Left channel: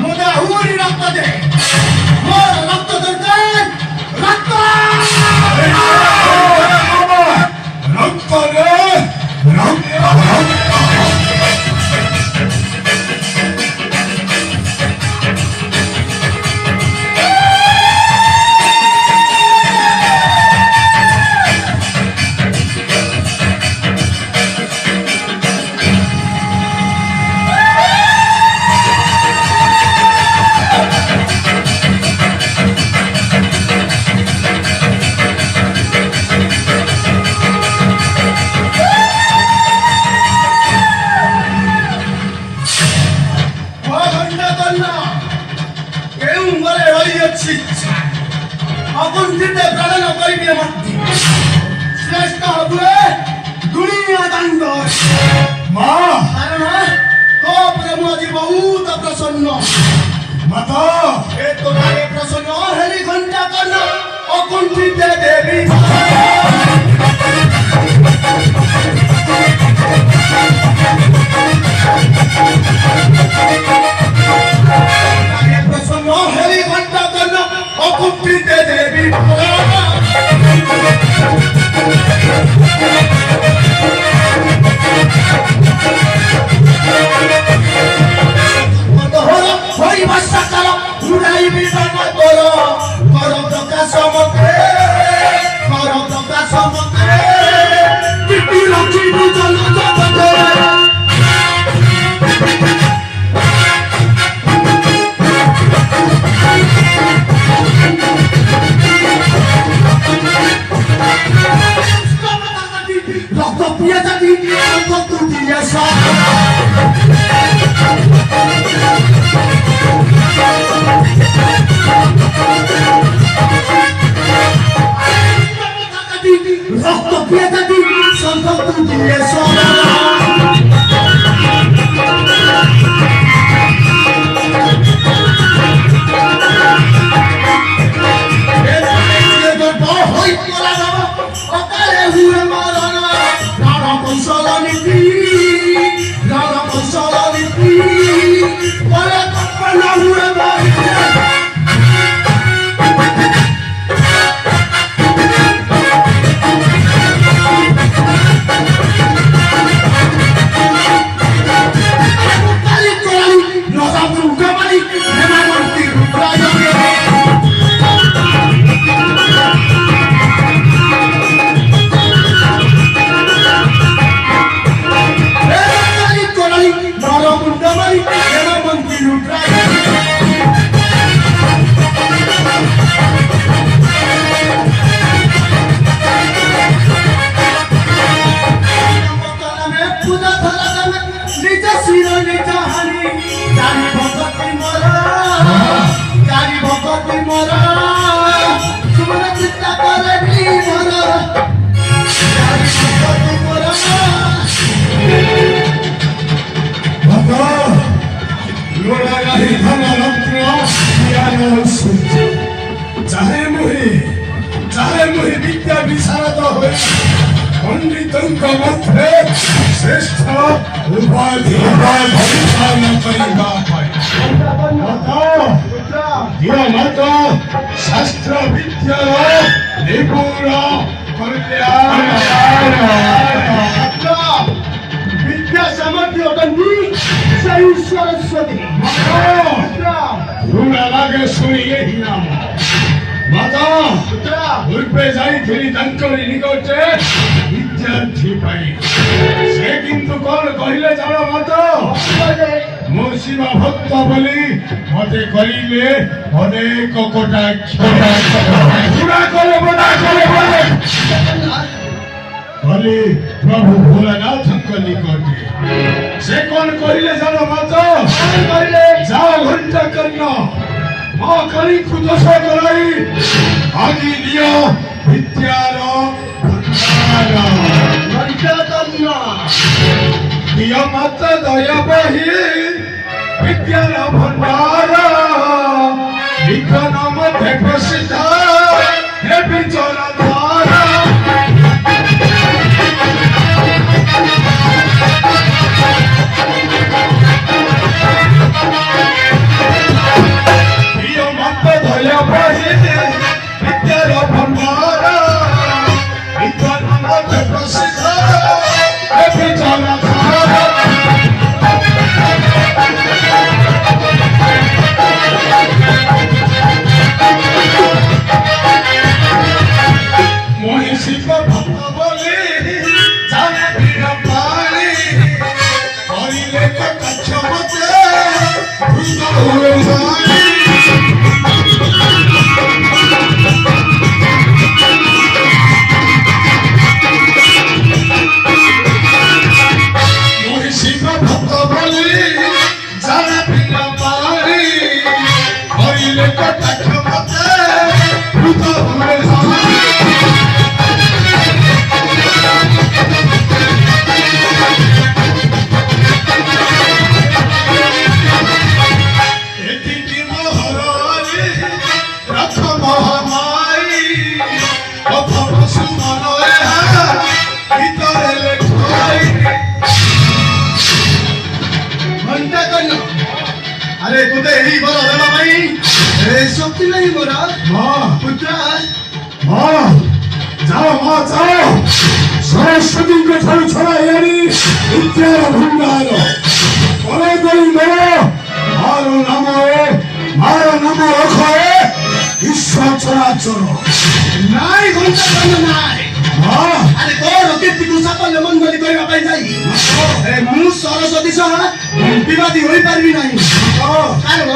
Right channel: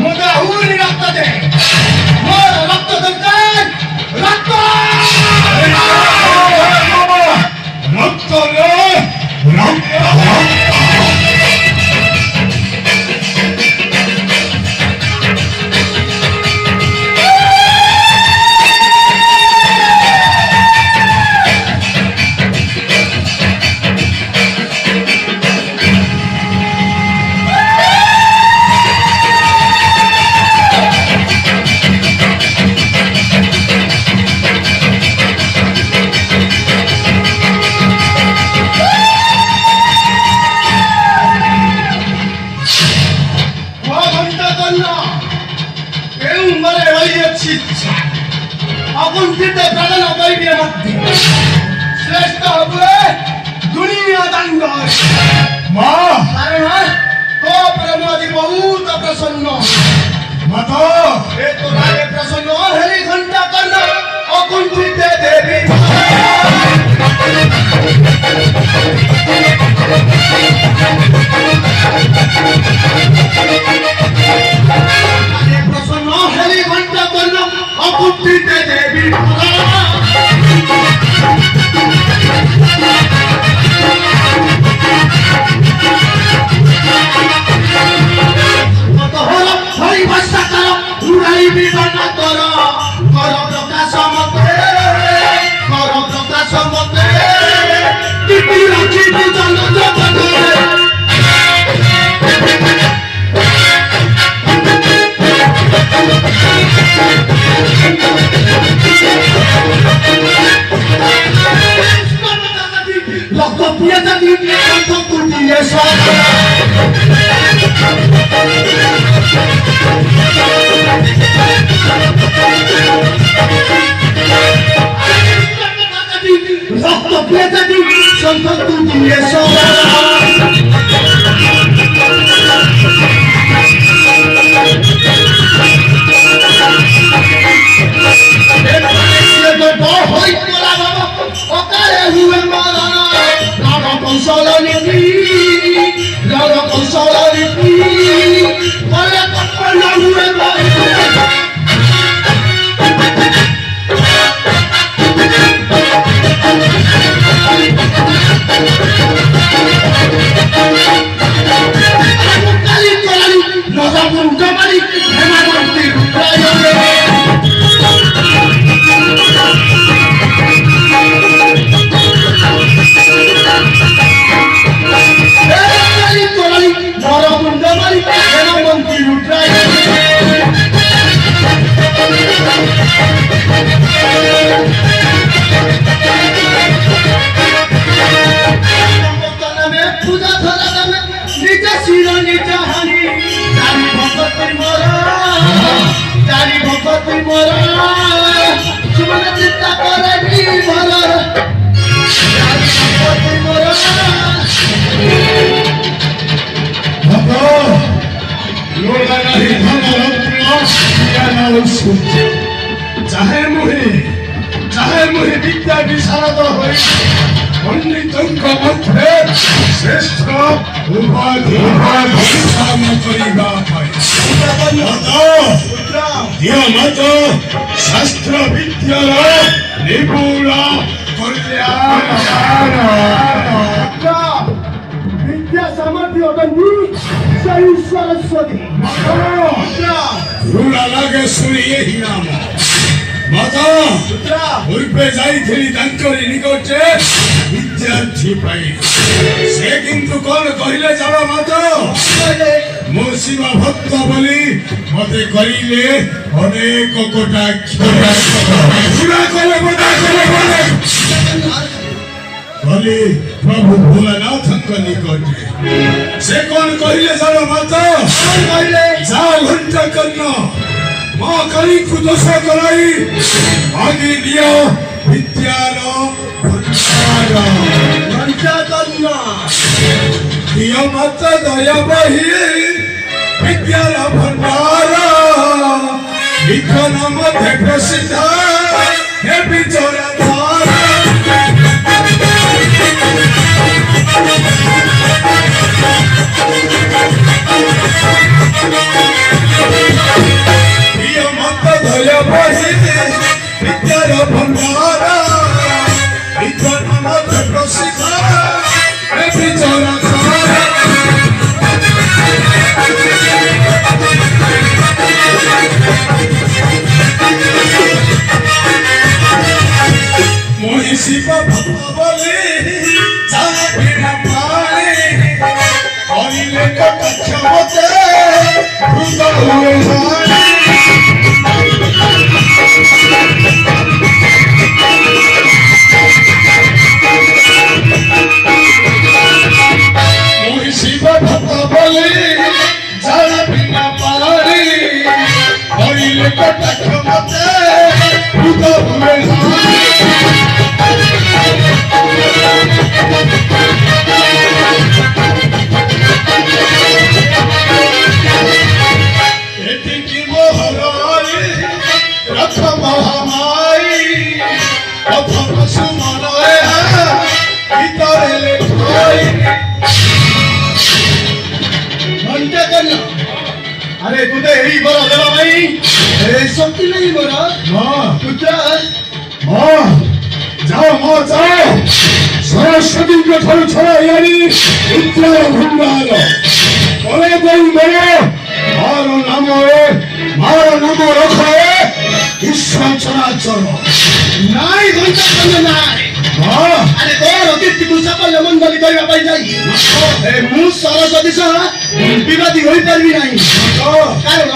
मोठा हुरी रक्त दे मोर रक्त दरकार रक्त रक्त रे रक्त অকুণ্ঠিত প্রাণ করিবে মধ্যে শ্রেষ্ঠ হবে দুনিয়া দণ্ড মা কারণ তো ব্রহ্মজি বহুত প্রসন্ন মাতা এ তো রাগে প্রসন্ন হেরি ঘন্টা কর্ণ অকুণ্ঠিত দেবী প্রসন্ন হেরি ঘন্টা কর্ণ অকুণ্ঠিত দেবী হরি ভাষা কর উড়াই বিধান কর কর প্রকাশ মতে কর প্রকাশ মতে কীর্তি রাখিবি জন জগতে লক্ষ পিয়াদা দিয়ে কত দিয়ে রক্ত পিয়াদা দিয়ে সম্পর্ক দিয়ে चाहे मुहे विद्या विशारद हो पंडितों मध्य श्रेष्ठ उपाधि न करिबा मत शास्त्र विद्यार निपुण विद्या सामर्थ्य सरस्वती ऋण लागे सुनी यही नाम माता उर्पे जाइथिली तांकरी निकटे विद्यार्थी पाई से किंतु कोन कहिले जानो माता मो शिवा भक्त बोली मते करिले अनेक कोटा पूरा करे बना करे बोली प्रभु भोलानाथ को निकटे से कोन कहिले जानो माता जा घंटा करना माँ करी खुदों कराई आगे लियो विद्यारो दिया मत दया बही विद्यारो भंडारा लिखन मध्य प्रसिद्ध है बिचौरा धारा କହିଲେ କଟାକ୍ଷ ମତେ ହୃଦ ହୁଏ ଭାଇ ମୁହିଁ ଶିବ ଭକ୍ତ ବୋଲି ଜାଳ ବିନା ପାଣି କହିଲେ କଟାକ୍ଷ ମତେ ହୃଦ ହୁଏ ଭାଇ ଏତିକି ମୋହରରେ ରଥ ମହାମାରୀ ଅଥର ସୁମନ ଏହା ଗୀତରେ ଲେଖାଇ घंटा करना अरे तुझे यही बोला देवा भाई अरे शक्ति नहीं बोला माँ पुत्र माँ जाओ सरस्वती के ठाରୁ ଛଡ଼ାଇଆଣି ବିଦ୍ୟାର ଭଣ୍ଡାର ବଳ ଦେଇ ମାର ନାମ ରଖ ଈଶ୍ୱର ଚରାଚର ନାଇଁ ଘଣ୍ଟା କରନା ନାଇଁ ହଁ ଆରେ ତୋର କୀର୍ତ୍ତିକୁ ସାଫଲ୍ୟ ମଣ୍ଡଳୀ କରିବା ପାଇଁ ଯାଇ ମୁଁ ସରସ୍ୱତୀ ସହ ବିବାଦୀ ହୋଇପାରିବି ନାହିଁ କାରଣ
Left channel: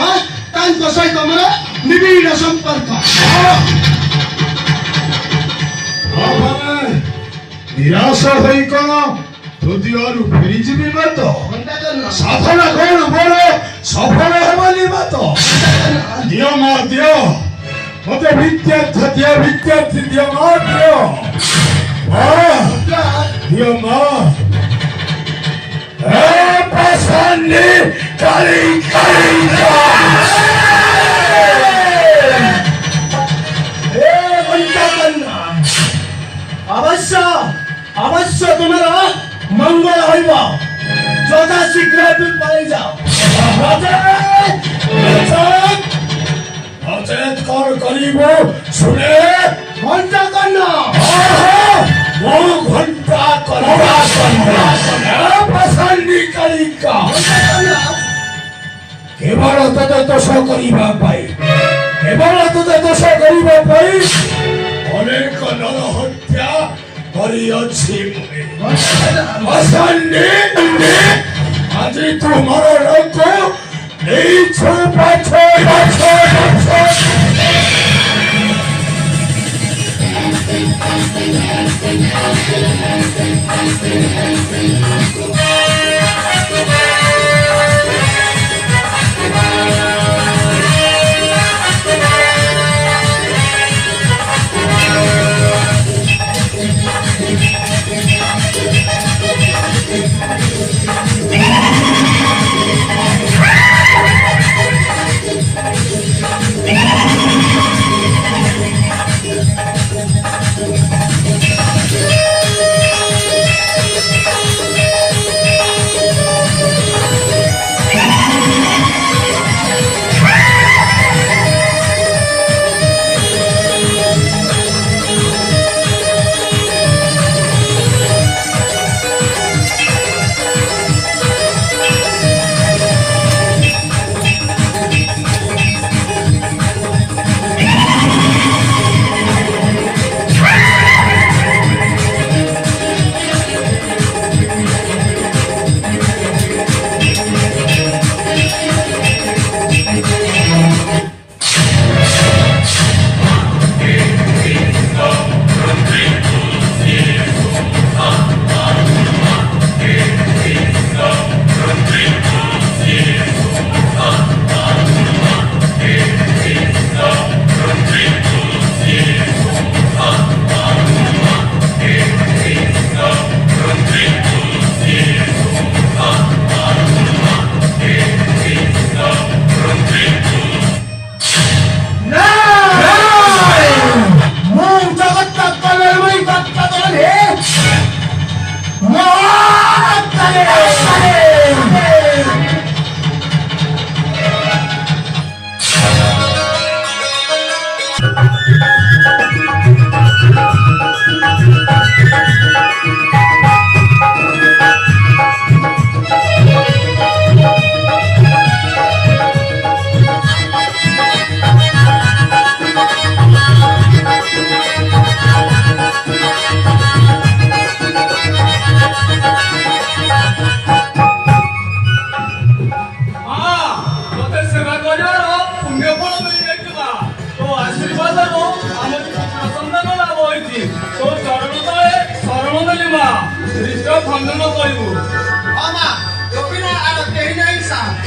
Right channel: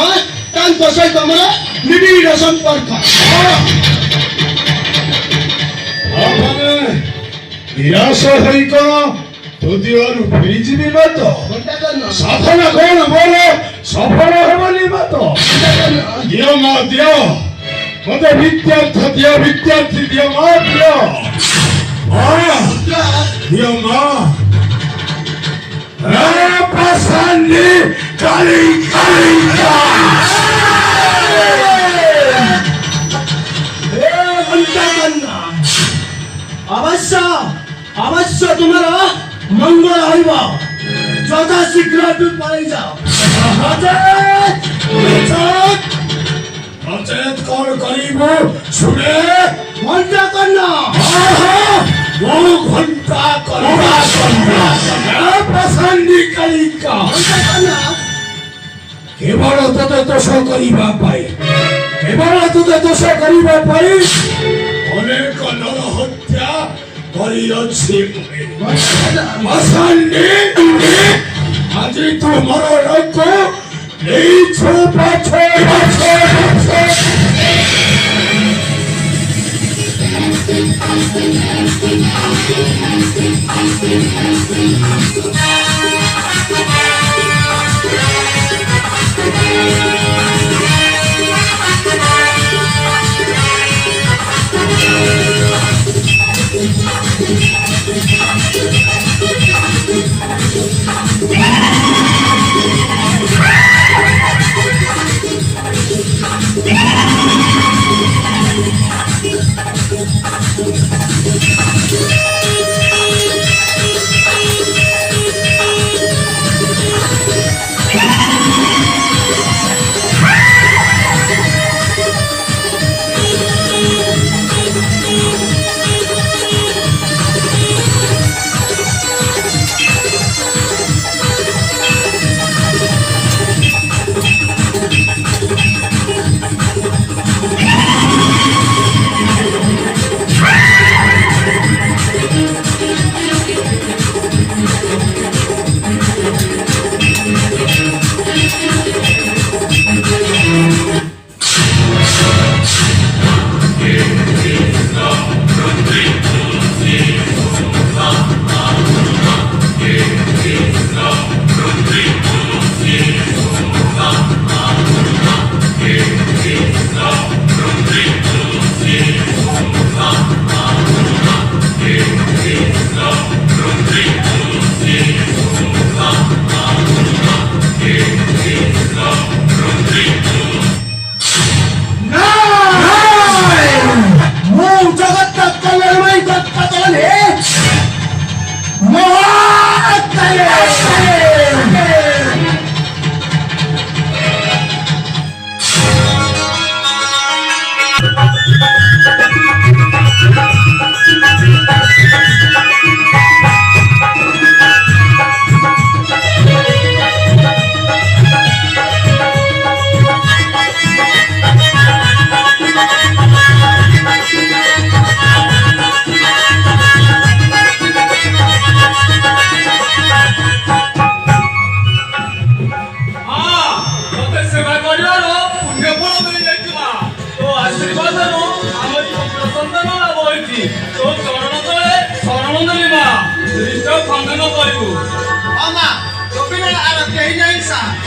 ତାଙ୍କ ସହିତ ମୋର ନିବିଡ଼ ସମ୍ପର୍କ ନିରାଶ ହୋଇ କଣ ହୃଦୟରୁ ଫେରିଯିବି ମାତ ଘଣ୍ଟା କରନା ସଫଳ କଣ ମୋର ସଫଳ ହେବନି ମାତ ଦିଅ ମା ଦିଅ ମତେ ବିଦ୍ୟାର୍ଥୀ ଦିଅ ମା ଦିଅ ଦିଅ ମା ପସନ୍ଦ କାଳି घंटा करना अवश्य अवश्य तुम्हारा मंगल होइबा যথা শীঘ্র তুমি পলাই যাও অচেত কর করিব শুনে ঘন্টা করনা ମୋ ଘଣ୍ଟା କରିବା ପସନ୍ଦ କାଳିକା କେବଳ ତତେ ଦୋଷ କରିବା ପାଇଁ ଅନେକ ନର ହତ୍ୟା କରିଅଛି ଆଜି ତୁମର ଲୋକ ନେଇଛୁ ପଛ ଆସିବି ତୋ